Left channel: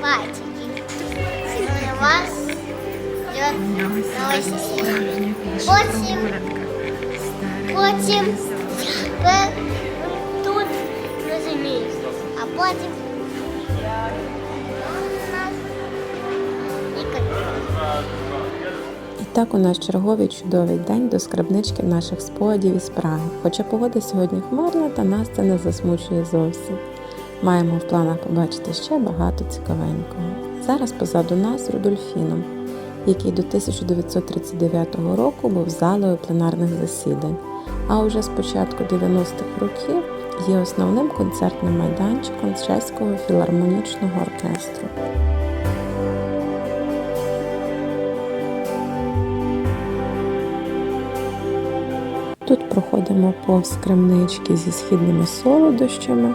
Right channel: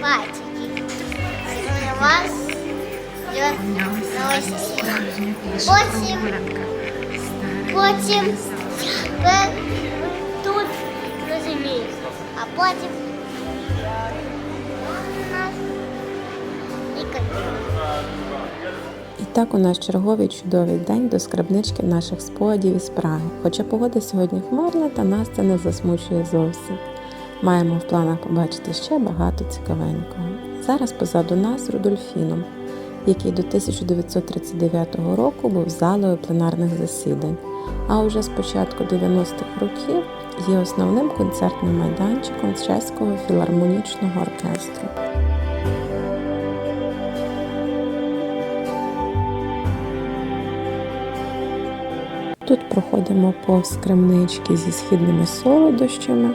пальчики. У вас на ось ці. Потім, потім тут розумію. А потім і так у нас черговий чудовий день до скрабнички наших спогадів із Праги. Хоча погода сьогодні хмарна, та нас це не засмучує зовсім. Маємо в планах побачити ще багато цікавенького. Зараз позаду нас Рудольфіном, який до 1939 року був залою пленарних засідань, а уже з початку 90-х років є основним концертним майданчиком чеського філармонічного оркестру. Тут проходимо повз крамнички зі східними солодощами.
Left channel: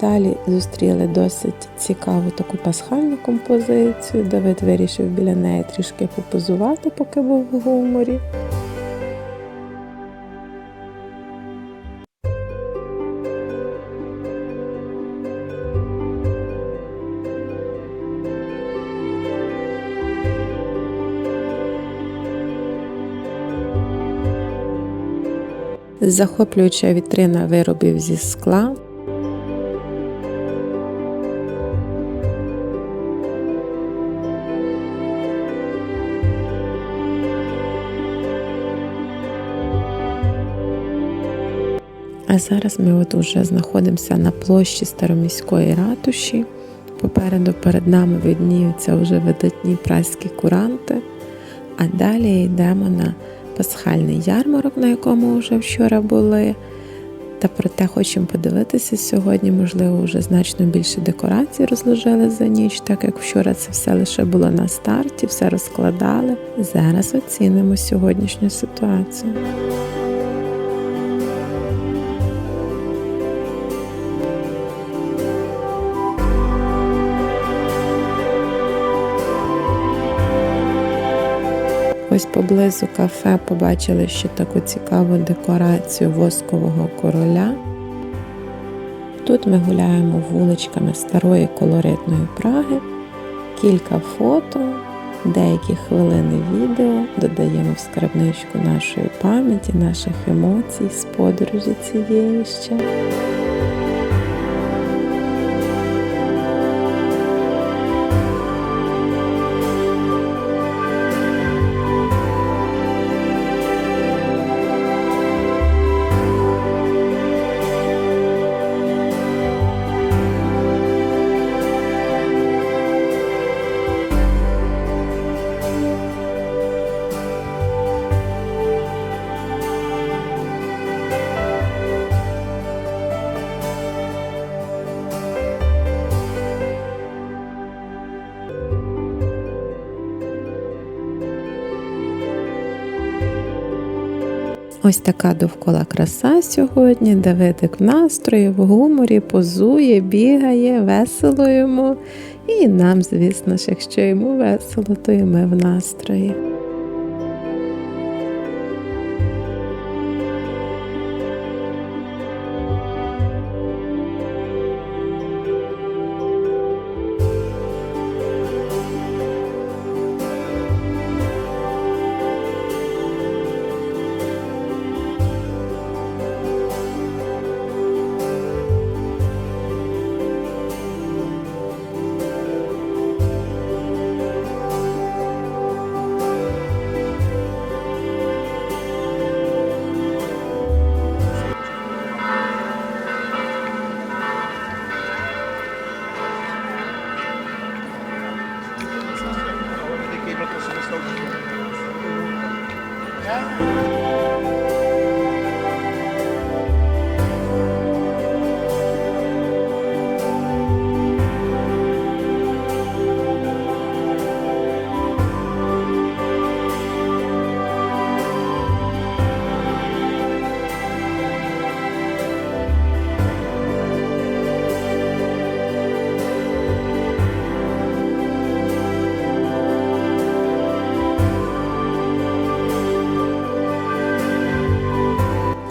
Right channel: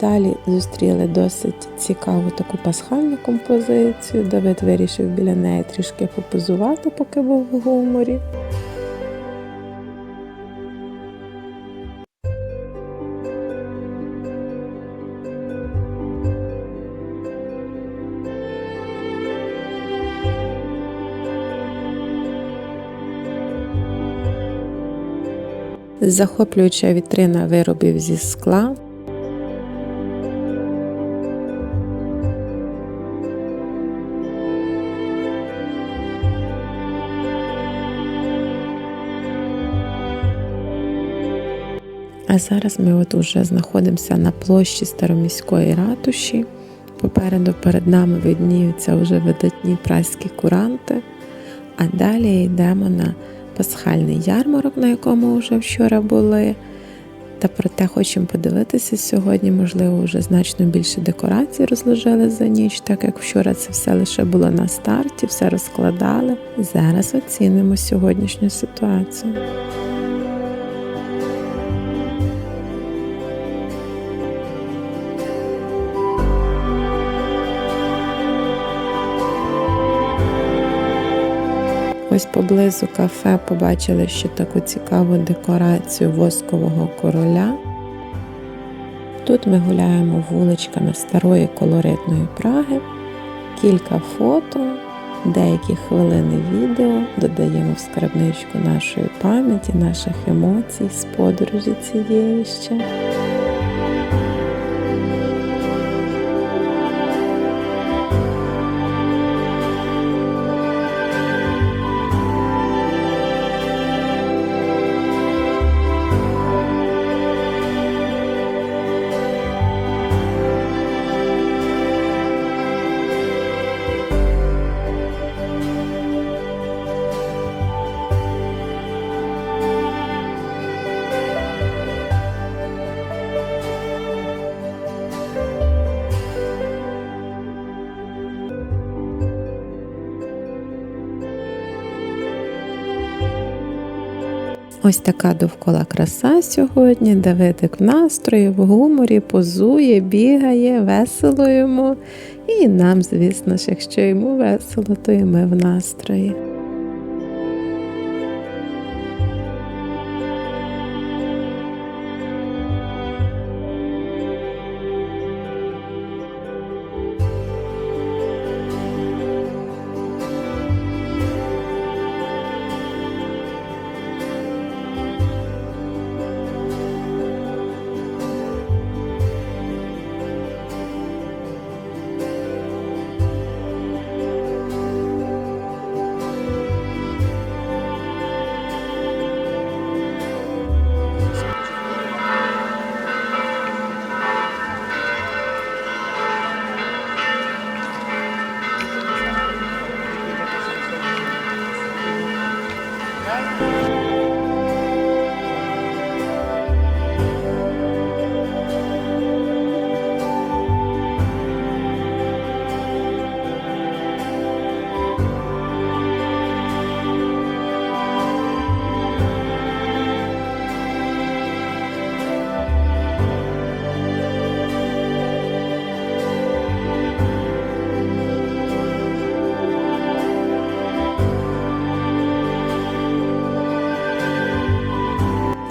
Далі зустріли досить цікаву таку пасхальну композицію. Давид вирішив біля неї трішки попозувати, поки був в гуморі. Захоплююча вітрина виробів зі скла. А зараз ми от уже знаходимося на площі Староміської ратуші. Попереду перед нами видніються вже видатні праські куранти. А далі йдемо на пасхальний ярмарок, на якому вже вчора були. Та проте хочемо подивитися сьогодні, можливо, вже значно більше декорацій розложили за ніч, так як вчора це все лише було на старті, все розкладали. Зараз оцінимо сьогоднішню ситуацію. Ось поблизу кафе побачили ще таку цікаву декорацію воскового короля. Тут ми гуляємо вуличками старої колоритної Праги, кілька фото, деякі хвилини відео додаємо в скарбничку нашої пам'яті, наших емоцій з подорожі цієї ще. Ось така довкола краса сьогодні. Давидик в настрої, в гуморі, позує, бігає, весело йому. І нам, звісно ж, якщо йому весело, то і ми в настрої.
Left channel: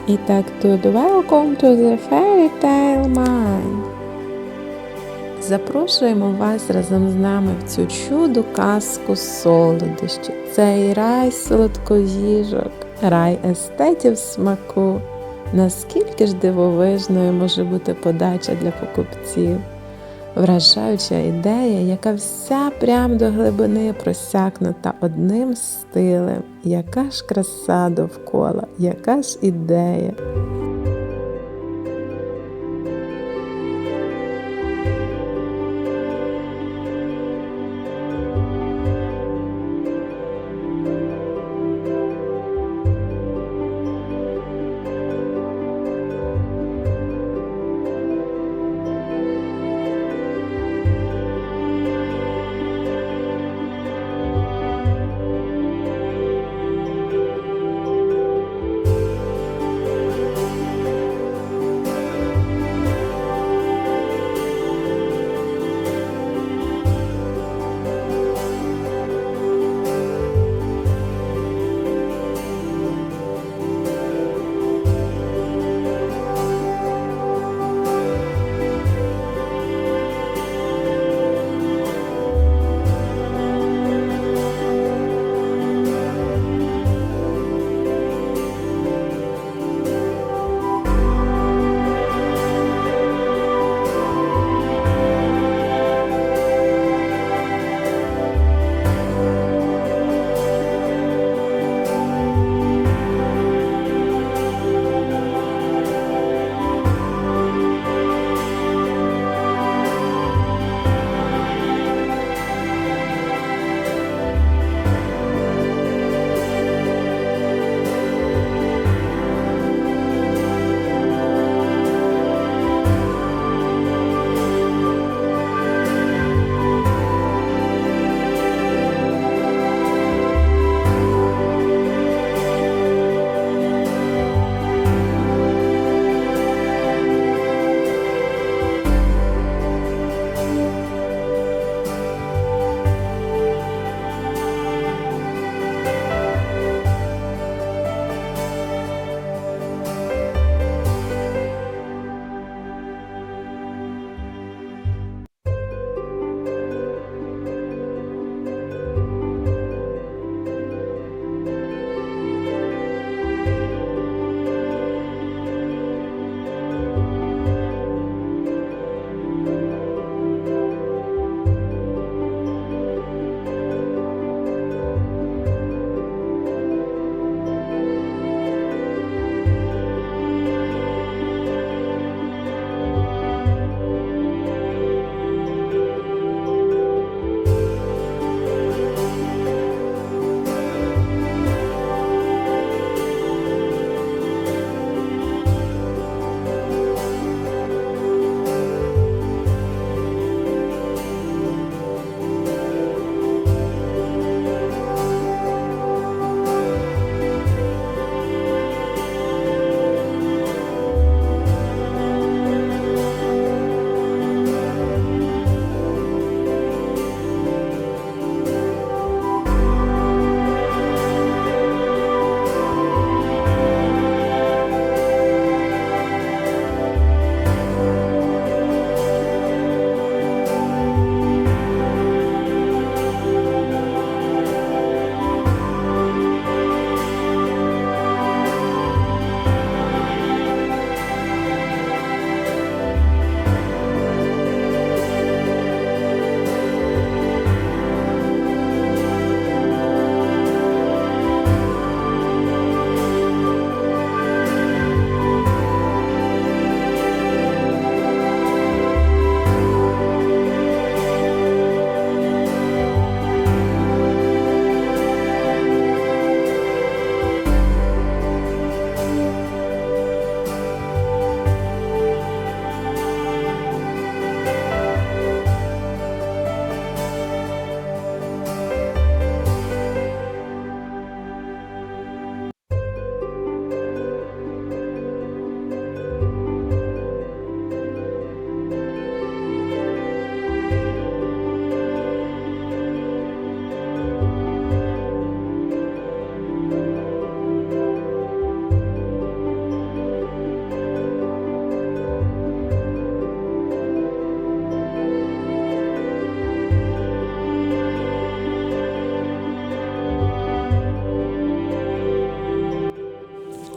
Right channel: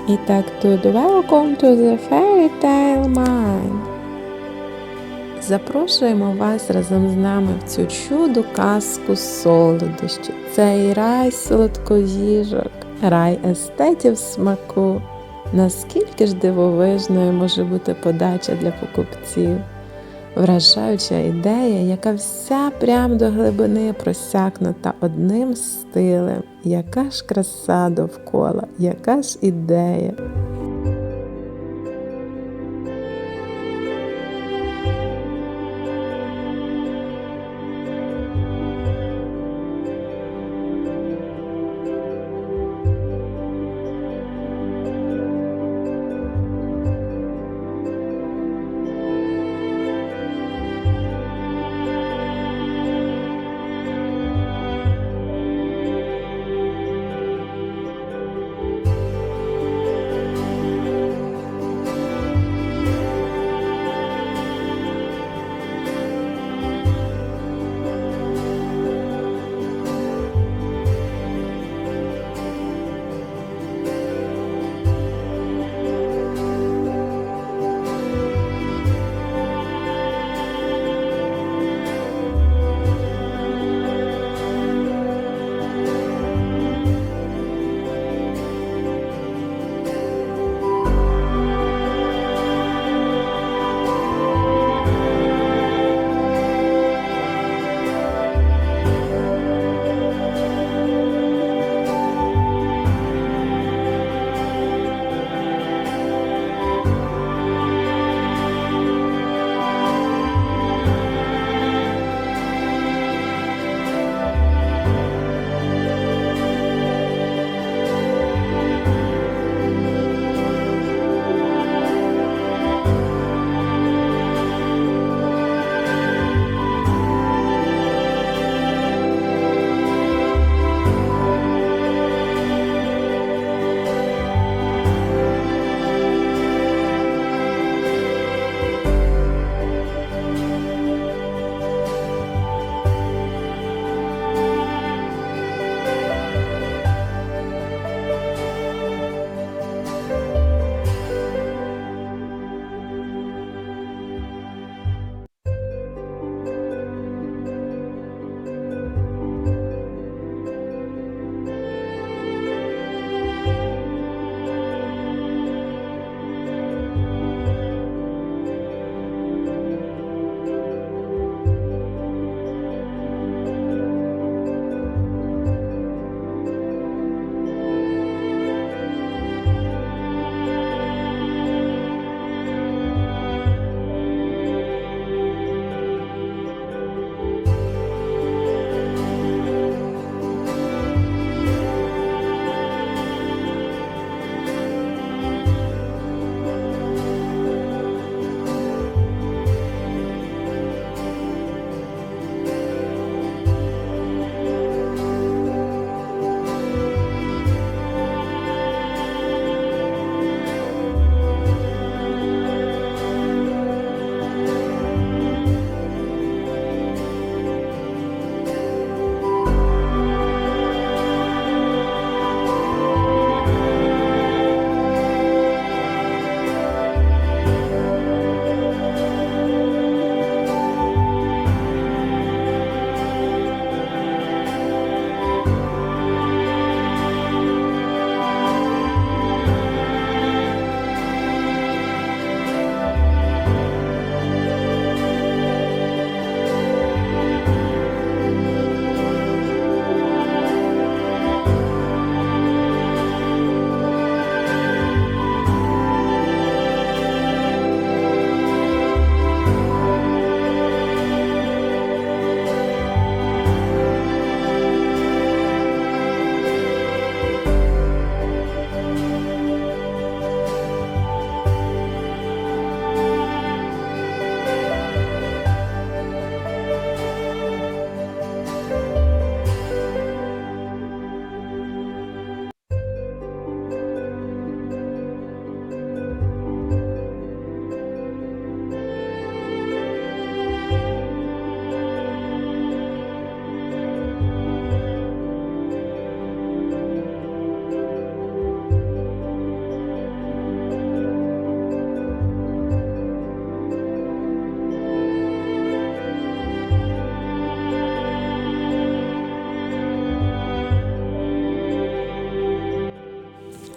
І так тут Welcome to the Fairy Tale Mine. Запрошуємо вас разом з нами в цю чуду казку солодощі. Цей рай солодкоїжок, рай естетів смаку. Наскільки ж дивовижною може бути подача для покупців? Вражаюча ідея, яка вся прям до глибини просякнута одним стилем. Яка ж краса довкола, яка ж ідея.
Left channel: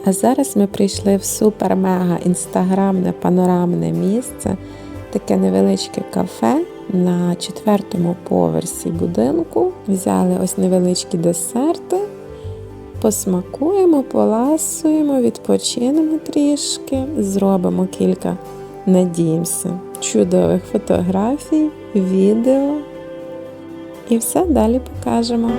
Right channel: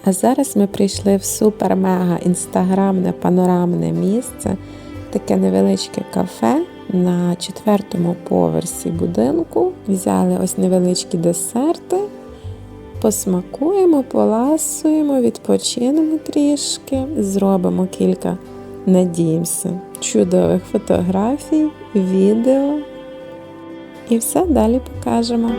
А зараз ми прийшли в супер-мега інстаграмне панорамне місце, таке невеличке кафе на четвертому поверсі будинку. Взяли ось невеличкі десерти, посмакуємо, поласуємо, відпочинемо трішки, зробимо кілька, надіємося, чудових фотографій, відео. І все далі покажемо.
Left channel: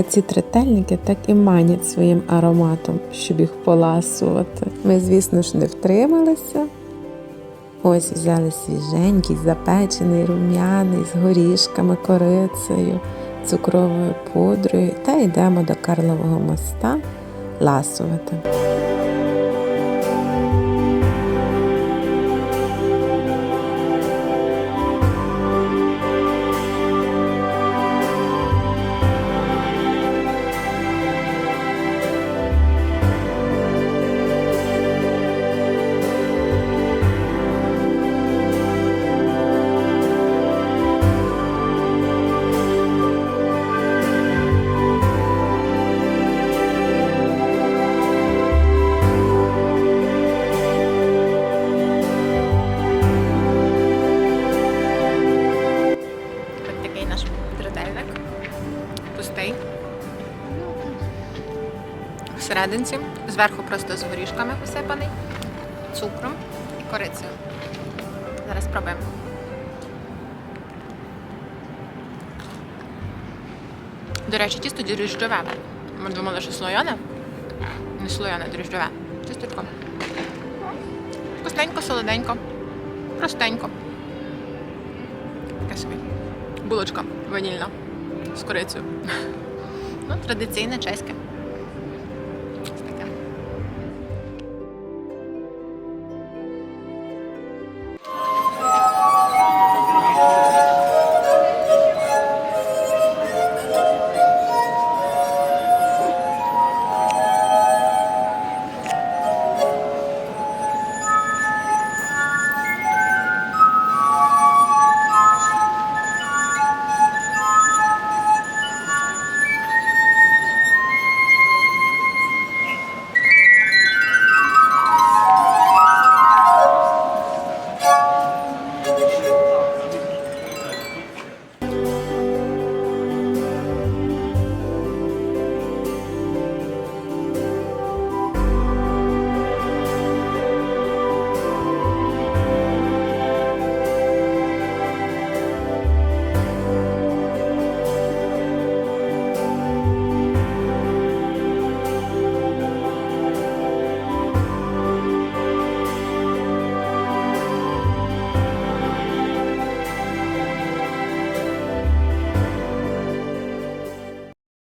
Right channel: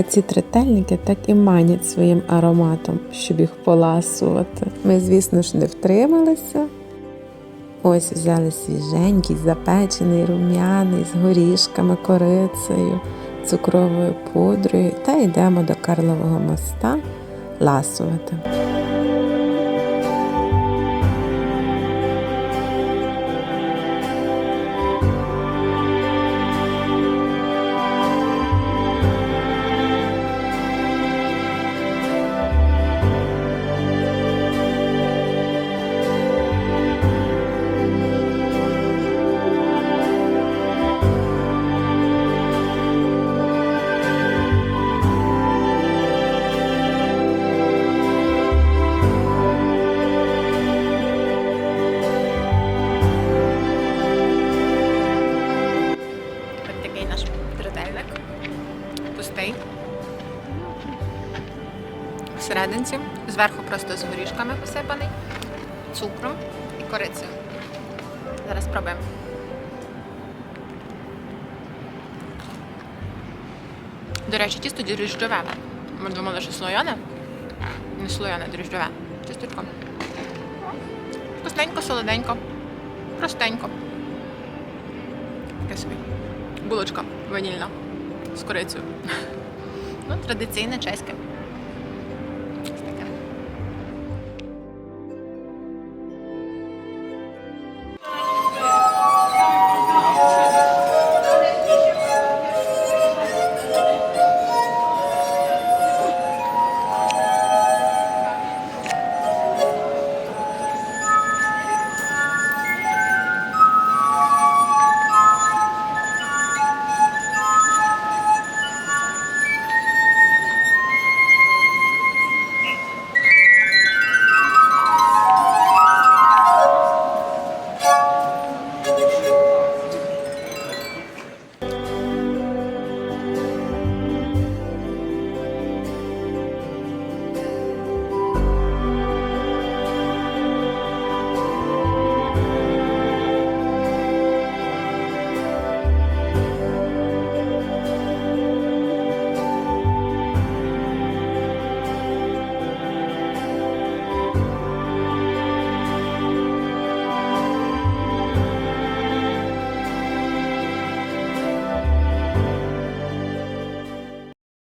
А ці третельники так і манять своїм ароматом, щоб їх поласувати. Ми, звісно ж, не втрималися. Ось взяли свіженький, запечений, рум'яний, з горішками, корицею, цукровою пудрою та йдемо до Карлового моста ласувати. Всерединці. Зверху просто з горішками посипаний, цукром і корицею. Зараз спробуємо. До речі, тісто дріжджове. Ми думали, що слояне. Не слояне, дріжджове. Тістечко. Вкусненько, солоденько, простенько. Таке собі. Булочка ванільна з корицею. Ну, традиційне чеське.